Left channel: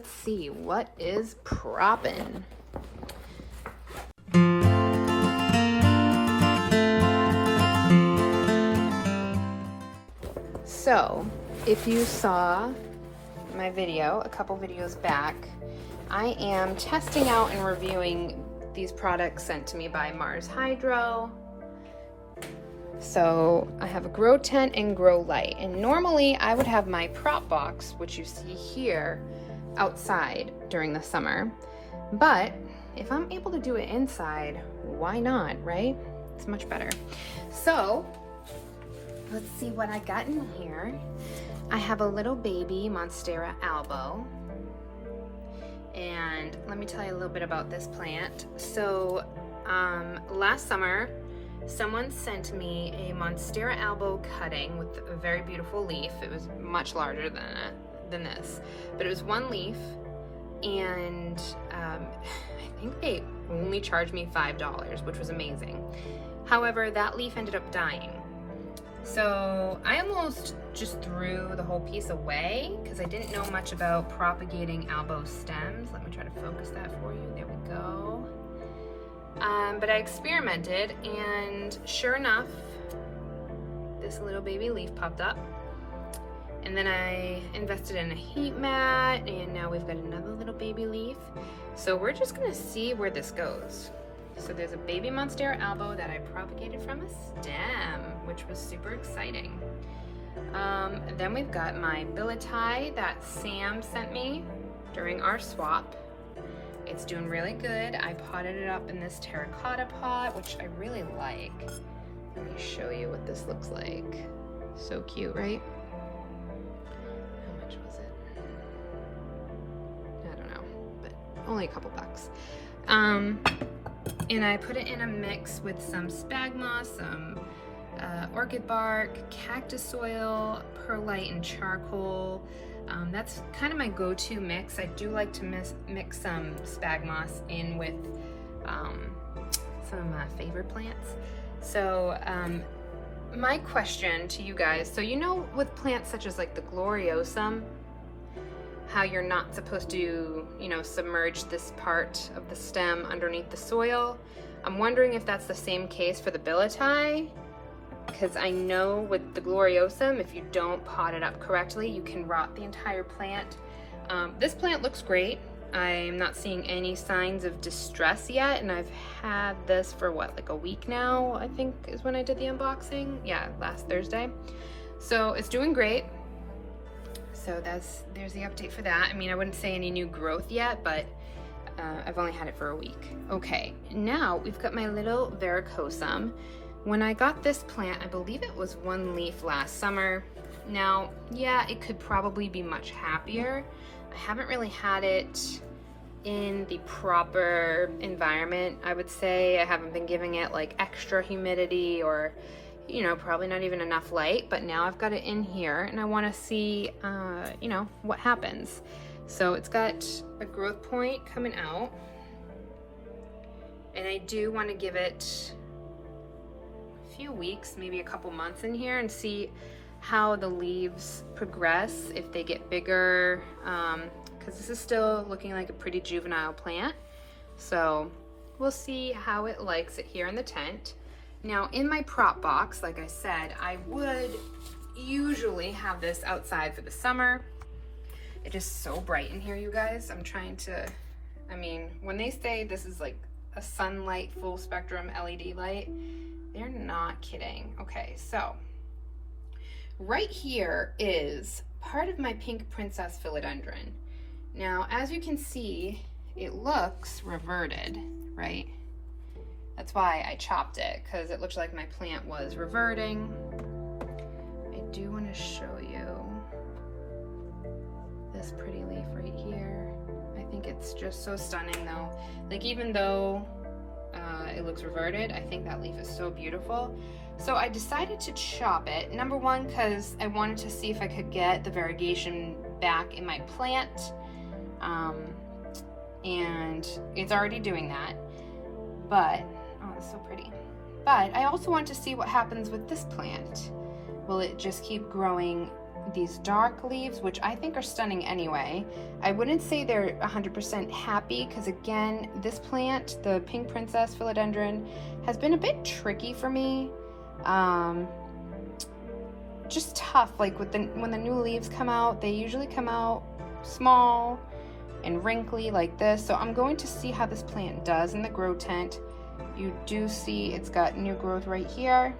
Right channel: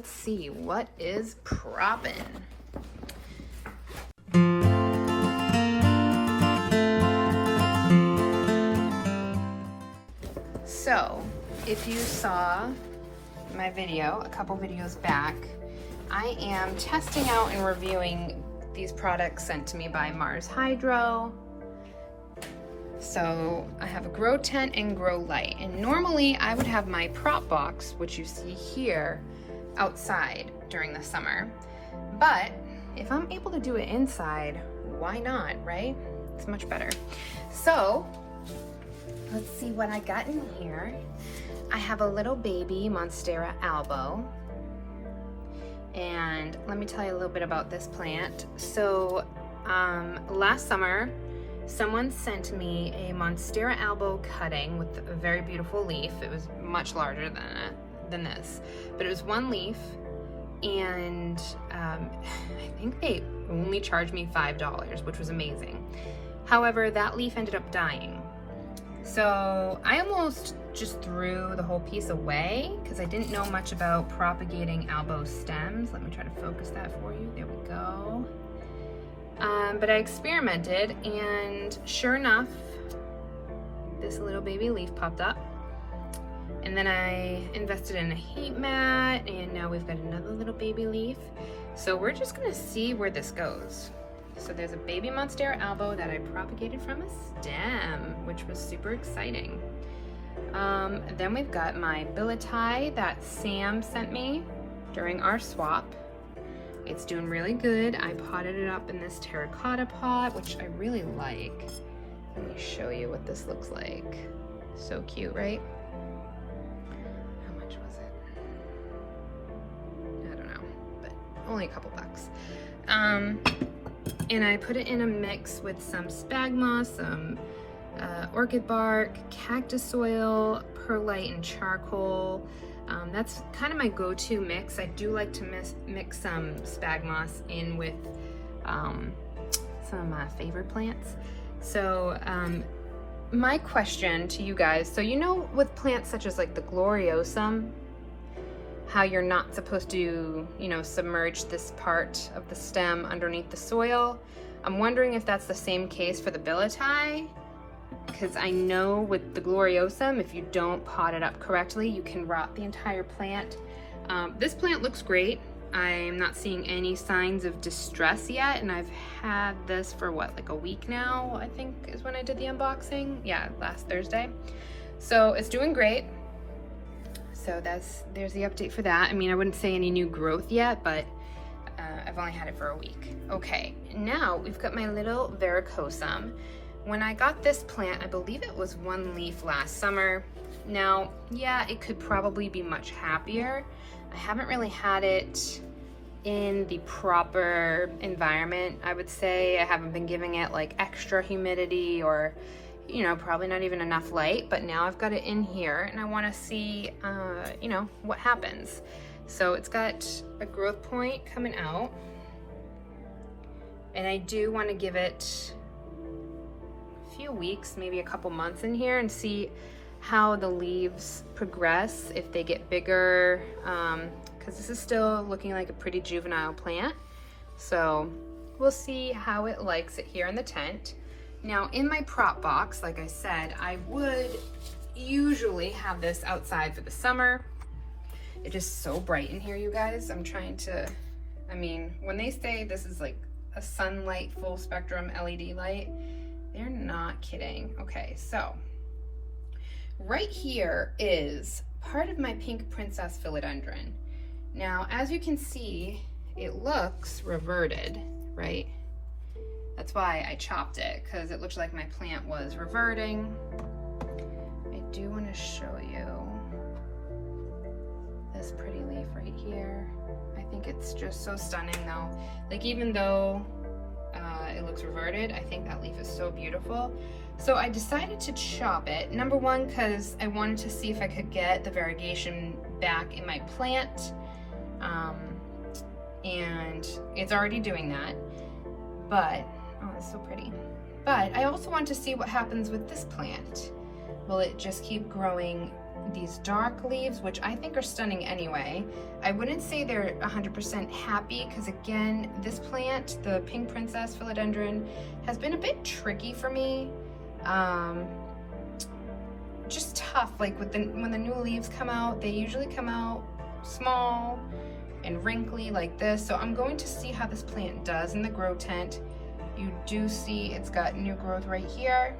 let's see, what is proppin? So, if you saw my video a couple videos back, I am testing out and reviewing these products sent to me by Mars Hydro. So I have a Grow Tent and Grow Light, and normally I would have my prop box, which you see here, outside during the summer. But if I'm able to do it inside, why not, right? It's much better. So let's see what I got in here. I have a little baby Monstera albo. And let me tell you a little bit about this plant. So last summer, someone sent me a Monstera albo cutting with a very beautiful leaf. It was much larger than this, but it was one leaf, and I think they only charged me $5, which was amazing. However, that leaf ended up dying. So I almost just threw the whole piece away because I didn't know much about propagating albo stems. Let me try to focus that for you. There we go. But I experimented, and sure enough, this little baby leaf popped up. And then I invested in a heat mat, and now we've got another little baby leaf. So we're just gonna see where this goes. So there's a baby Monstera albo that I propagated from a stem, which was super exciting. Then we've got my billieti that Sam sent me during our swap. It's doing really good. I potted it up in this terracotta pot, which I really like. Let me show you what this looks like. So cute, right? How much was it? I don't know, but only a couple bucks. And I put it in a mix with some sphagnum moss, some orchid bark, cactus oil, perlite, and charcoal. That's kind of my go-to mix. I do like to mix some sphagnum moss in with some of my favorite plants. So my question to you guys, so you know with plants such as like the gloriosum, how you're not supposed to, you know, submerge this part of the stem underneath the soil. I'm wondering if that's the same case for the billieti, because I know with the gloriosum, if you don't pot it up correctly, you can rot the entire plant. This plant looks great. I'm not seeing any signs of distress yet, and I've had this for what, like a week now, I think is when I did the unboxing. Yeah, last Thursday. So it's doing great. So there's the update for that. I mean, I wouldn't say any new growth yet, but I've only had it for a week. Okay, now we've got my little varicosum. When I got this plant, I believe it was one leaf last summer. Now, yeah, it could probably be much happier. I haven't really had it in the proper environment, I would say. I haven't been giving it like extra humidity or, you know, probably not even enough light, but now I've got it in here and I want to see, you know, what happens. So it's got a growth point coming out, and I do want to give it a few weeks, maybe a couple months in here, and see how the leaves progress, if they get bigger, because this is still looking like a pretty juvenile plant. So we'll see how it likes it here in the tent. Now in my prop box, like I said, I would usually have this outside for the summer. It is so bright in here, you guys. I'm trying to, I mean, when they say this is like a sunlight full spectrum LED light, they're not kidding. Okay, so right here is part of my pink princess philodendron. Now, as you can see, it looks reverted, right? That's why I chopped it, because it looked like my plant was reverting. I do want to show you this pretty leaf right here. I think it's just so stunning though. Like, even though it looks reverted, I think that leaf is so beautiful. So I decided to chop it. Number one, because I wanted to see if I could get the variegation back in my plant. And it's already doing that. But, oh, it's so pretty. But I also want to see what happens with this plant. Will it just keep growing these dark leaves, which I think are stunning anyway. I wouldn't say they're 100% happy because again, this plant, the pink princess philodendron, has been a bit tricky for me. Just tough, like when the new leaves come out, they usually come out small and wrinkly like this. So I'm going to see how this plant does in the grow tent. You do see it's got new growth right here.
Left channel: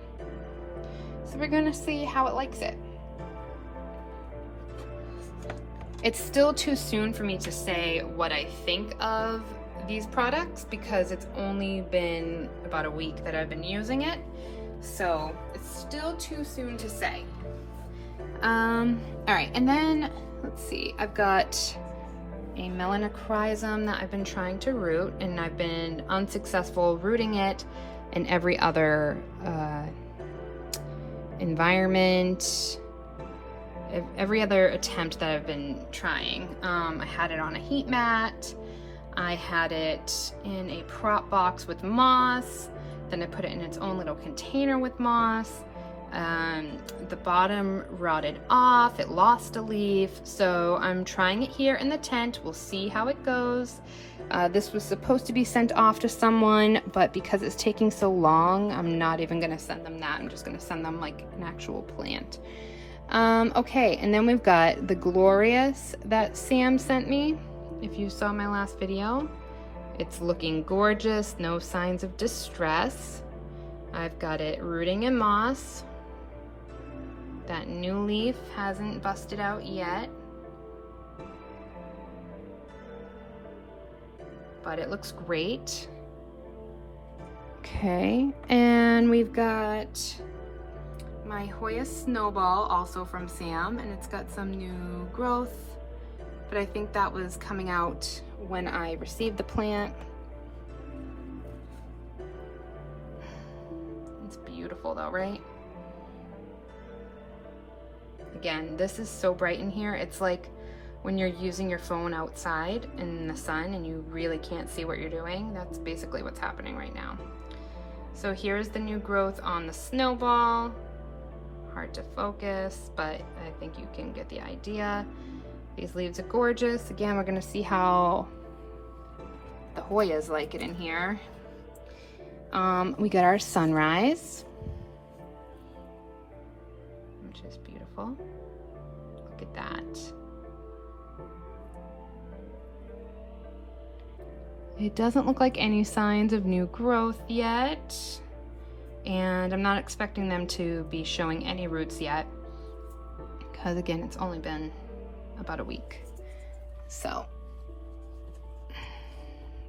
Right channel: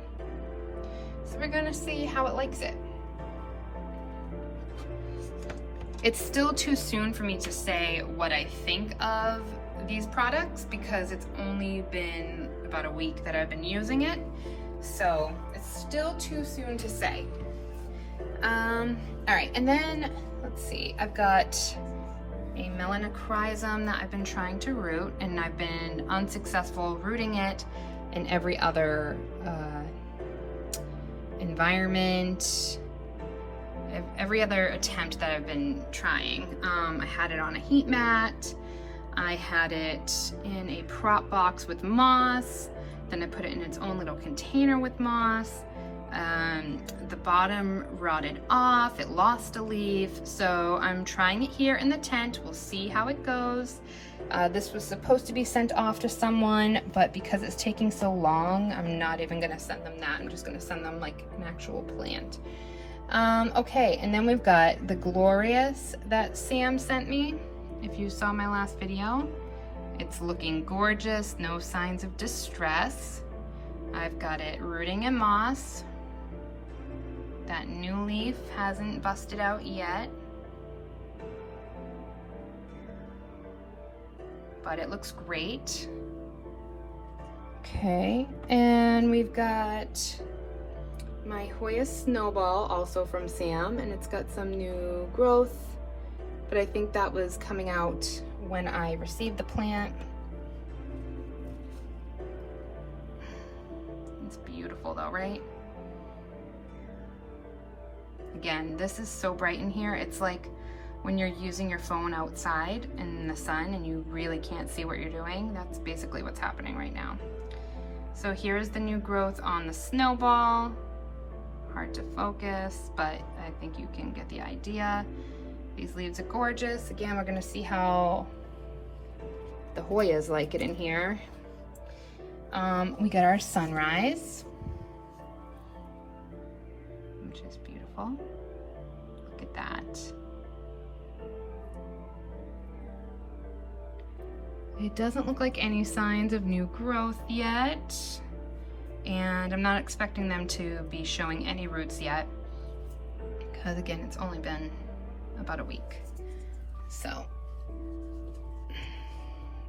So we're gonna see how it likes it. It's still too soon for me to say what I think of these products because it's only been about a week that I've been using it. So it's still too soon to say. All right, and then let's see, I've got a melanochrysum that I've been trying to root, and I've been unsuccessful rooting it in every other environment, every other attempt that I've been trying. I had it on a heat mat, I had it in a prop box with moss, then I put it in its own little container with moss. The bottom rotted off, it lost a leaf, so I'm trying it here in the tent. We'll see how it goes. This was supposed to be sent off to someone, but because it's taking so long, I'm not even gonna send them that. I'm just gonna send them like an actual plant. Okay, and then we've got the Glorious that Sam sent me. If you saw my last video, it's looking gorgeous, no signs of distress. I've got it rooting in moss. That new leaf hasn't busted out yet, but it looks great. Okay, and we've got my Hoya Snowball, also from Sam, and it's got some new growth, but I think that was coming out when I received the plant. It's beautiful though, right? Again, this is so bright in here. It's like when you're using your phone outside in the sun and you really can't see what you're doing. That's basically what's happening right now. So here's the new growth on the Snowball. Hard to focus, but I think you can get the idea. These leaves are gorgeous. Again, we're gonna see how the Hoyas like it in here. We got our Sunrise, which is beautiful. Look at that. It doesn't look like any signs of new growth yet, and I'm not expecting them to be showing any roots yet, because again, it's only been about a week. So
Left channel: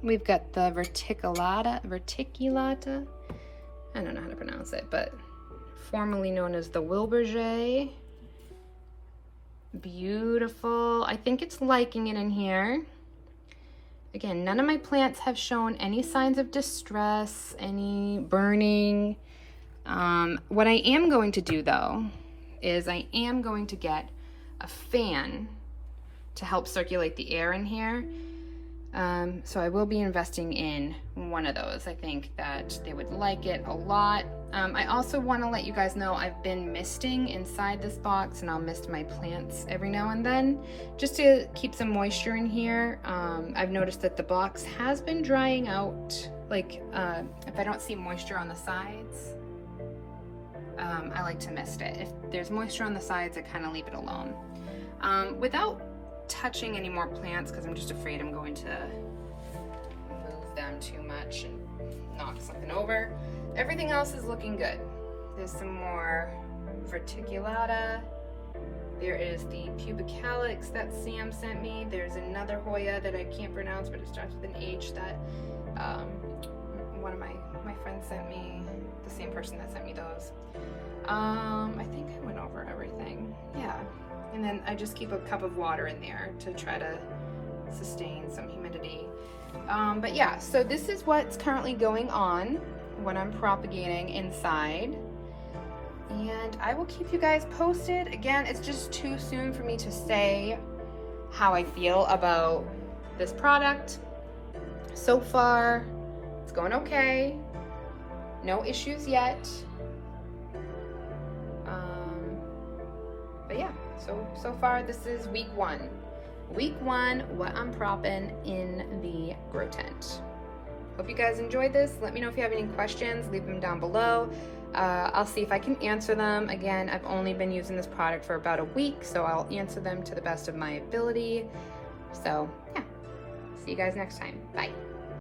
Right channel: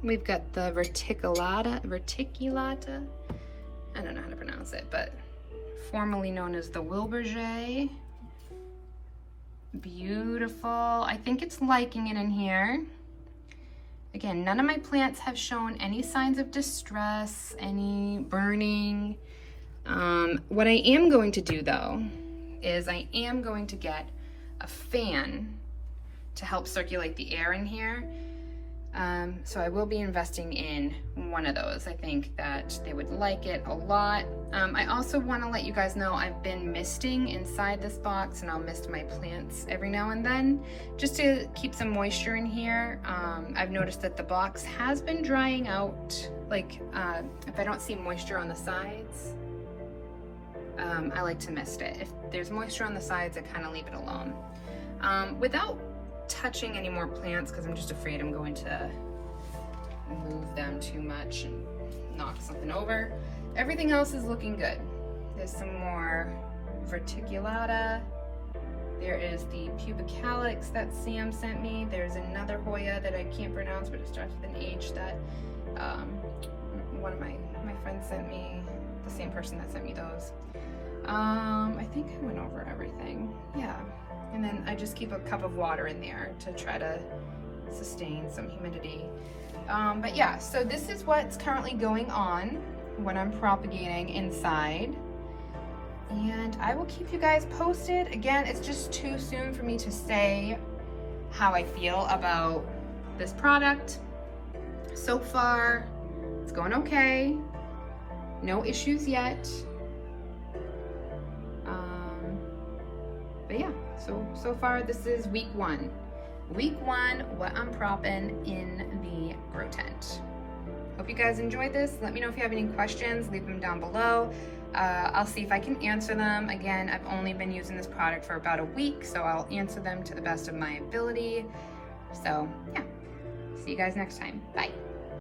we've got the verticulata, I don't know how to pronounce it, but formerly known as the Wilberger. Beautiful. I think it's liking it in here. Again, none of my plants have shown any signs of distress, any burning. What I am going to do though, is I am going to get a fan to help circulate the air in here. So I will be investing in one of those. I think that they would like it a lot. I also want to let you guys know I've been misting inside this box, and I'll mist my plants every now and then just to keep some moisture in here. I've noticed that the box has been drying out. Like if I don't see moisture on the sides, I like to mist it. If there's moisture on the sides, I kind of leave it alone. Without touching any more plants, because I'm just afraid I'm going to move them too much and knock something over. Everything else is looking good. There's some more verticulata. There is the pubicalix that Sam sent me. There's another Hoya that I can't pronounce, but it starts with an H that one of my friends sent me, the same person that sent me those. I think I went over everything. Yeah. And then I just keep a cup of water in there to try to sustain some humidity. But yeah, so this is what's currently going on when I'm propagating inside. And I will keep you guys posted. Again, it's just too soon for me to say how I feel about this product. So far, it's going okay. No issues yet. But yeah, so far this is week 1. Week 1, what I'm propping in the grow tent. Hope you guys enjoyed this. Let me know if you have any questions, leave them down below. I'll see if I can answer them. Again, I've only been using this product for about a week, so I'll answer them to the best of my ability. So yeah, see you guys next time. Bye.